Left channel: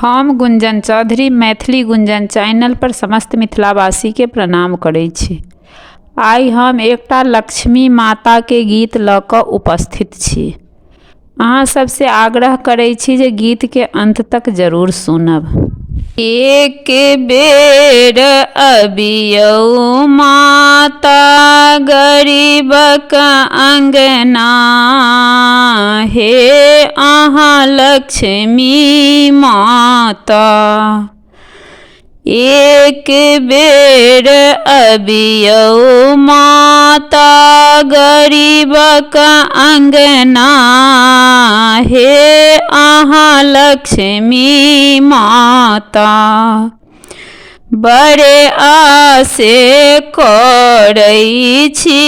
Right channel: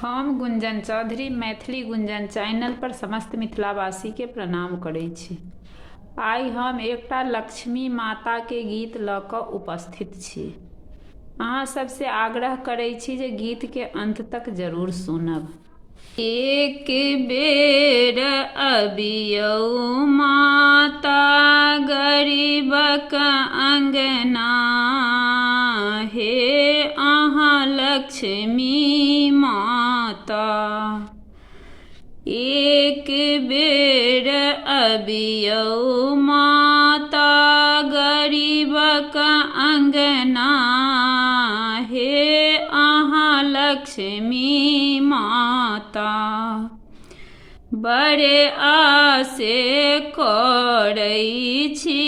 हम गुंजन चौधरी मैथिली गुंजन चैनल पर समस्त मिथिलावासी के प्रणाम करै छी। आइ हम एकटा लक्ष्मी माता के गीत लऽ कऽ उपस्थित छी। अहाँ सबसे आग्रह करै छी जे गीत के अंत तक जरूर सुनब। एक बेर अबियौ माता गरीबक अंगना, हे अहाँ लक्ष्मी माता। एक बेर अबियौ माता गरीबक अंगना, हे अहाँ लक्ष्मी माता। बड़े आसे करै छी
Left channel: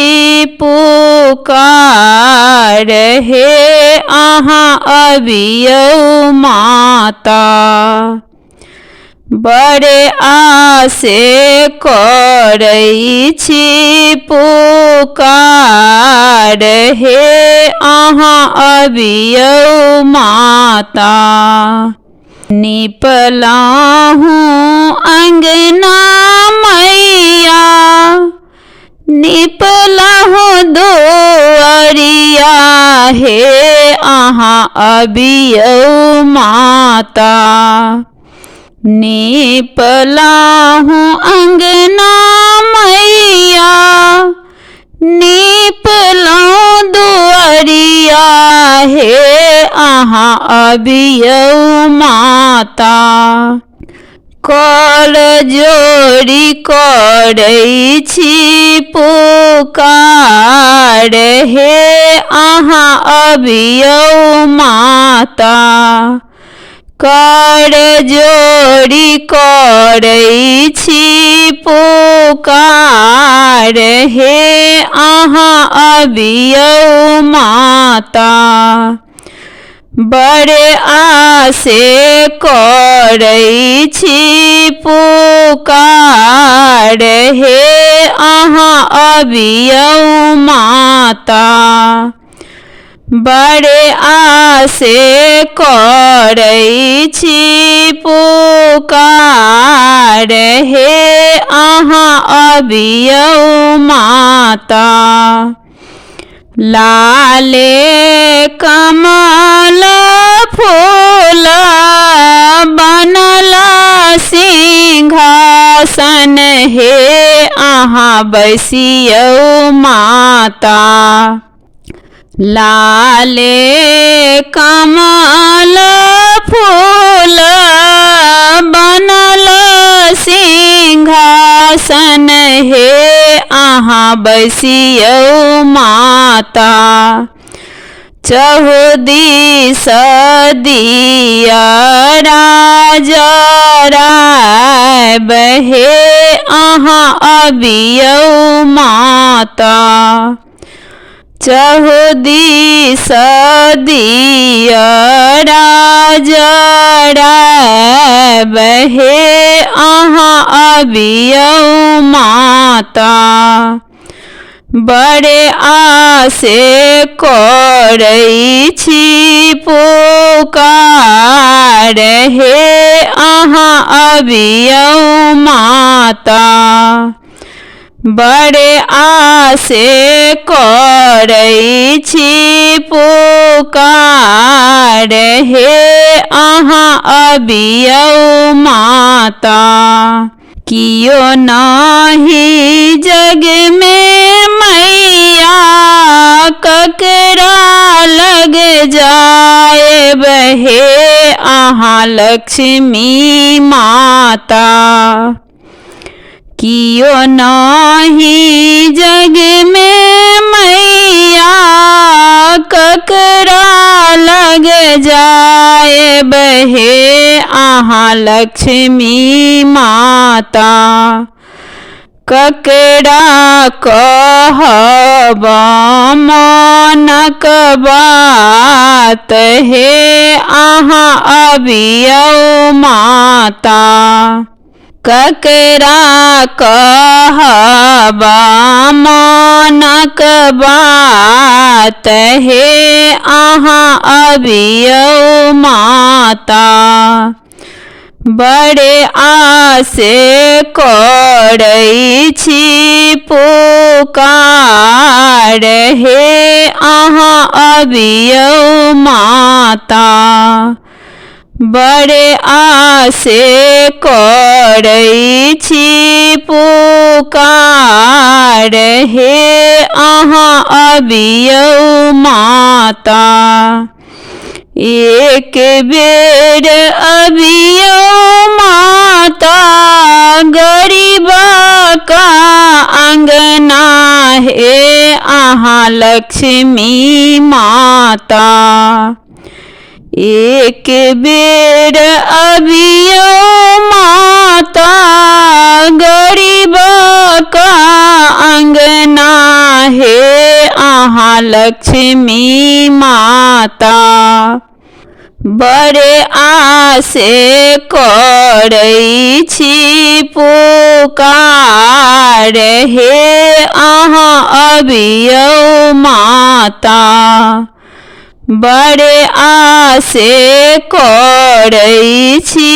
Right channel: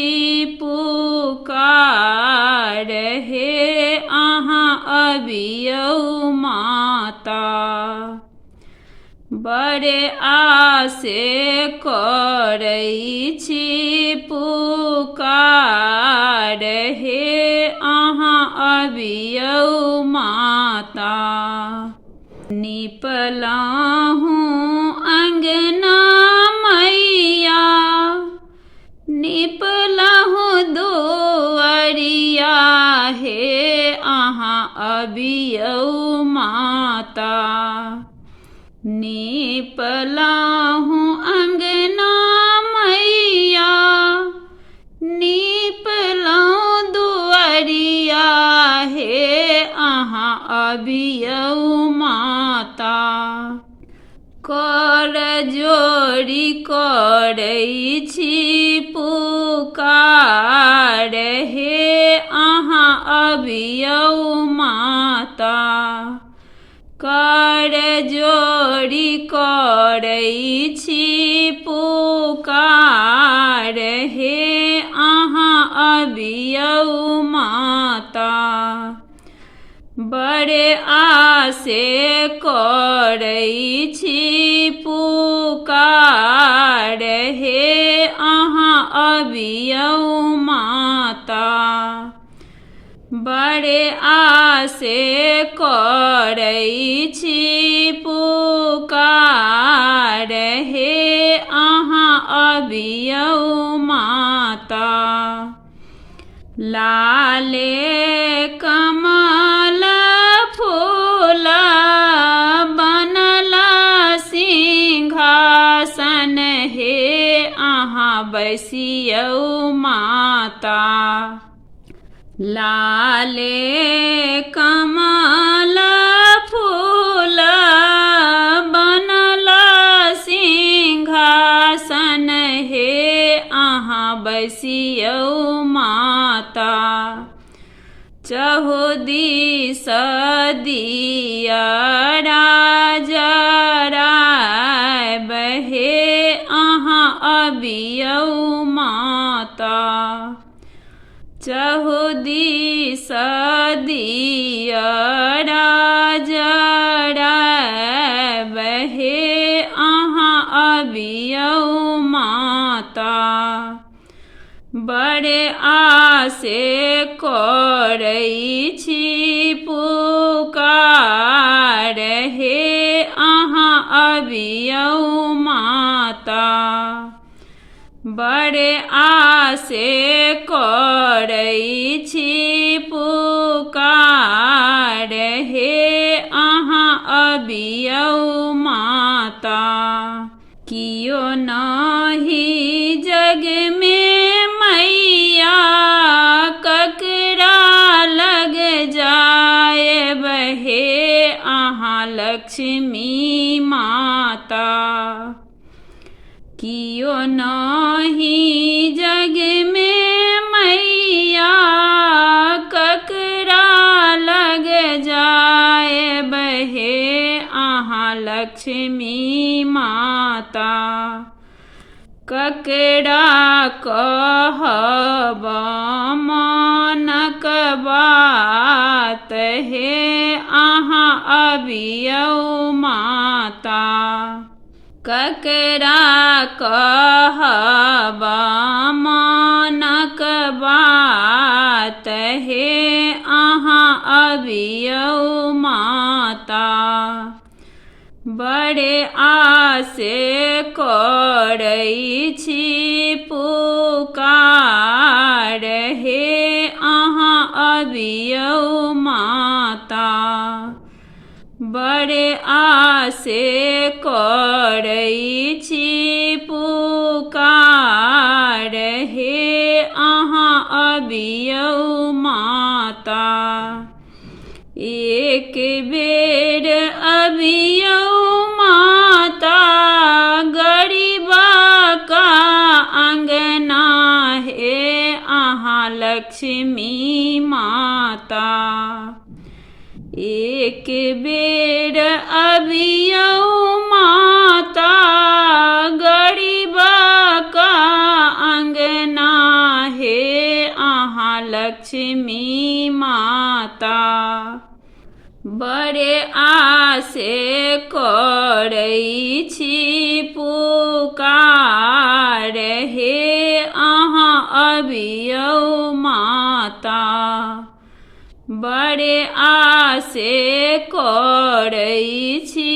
पुकार, हे अहाँ अबियौ माता। बड़े आसे करै छी पुकार, हे अहाँ अबियौ माता। निपलहुँ अंगना मैया, निपलहुँ दुआरिया, हे अहाँ अबियौ माता। निपलहुँ अंगना मैया, निपलहुँ दुआरिया, हे अहाँ अबियौ माता। कर जोड़ी करै छी पुकार, हे अहाँ अबियौ माता। कर जोड़ी करै छी पुकार, हे अहाँ अबियौ माता। बड़े आसे करै छी पुकार, हे अहाँ अबियौ माता। बड़े आसे करै छी पुकार, हे अहाँ अबियौ माता। लाले कमल फूल बनल सिंहासन, हे अहाँ बैसियौ माता। लाले कमल फूल बनल सिंहासन, हे अहाँ बैसियौ माता। चहुदिस दियरा जरायब, हे अहाँ अबियौ माता। चहुदिस दियरा जरायब, हे अहाँ अबियौ माता। बड़े आसे करै छी पुकार, हे अहाँ अबियौ माता। बड़े आसे करै छी पुकार, हे अहाँ अबियौ माता। कियो नाही जग में मैया, ककरा लग जाएब, हे अहाँ लक्ष्मी माता। कियो नाही जग में मैया, ककरा लग जाएब, हे अहाँ लक्ष्मी माता। ककरा कहब मनक बात, हे अहाँ अबियौ माता। ककरा कहब मनक बात, हे अहाँ अबियौ माता। बड़े आसे करै छी पुकार, हे अहाँ अबियौ माता। बड़े आसे करै छी पुकार, हे अहाँ अबियौ माता। एक बेर अबियौ माता, गरीबक अंगना, हे अहाँ लक्ष्मी माता। एक बेर अबियौ माता, गरीबक अंगना, हे अहाँ लक्ष्मी माता। बड़े आसे करै छी पुकार, हे अहाँ अबियौ माता। बड़े आसे करै छी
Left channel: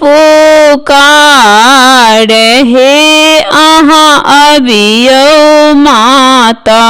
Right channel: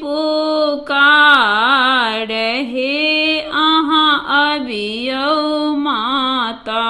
पुकार, हे अहाँ अबियौ माता।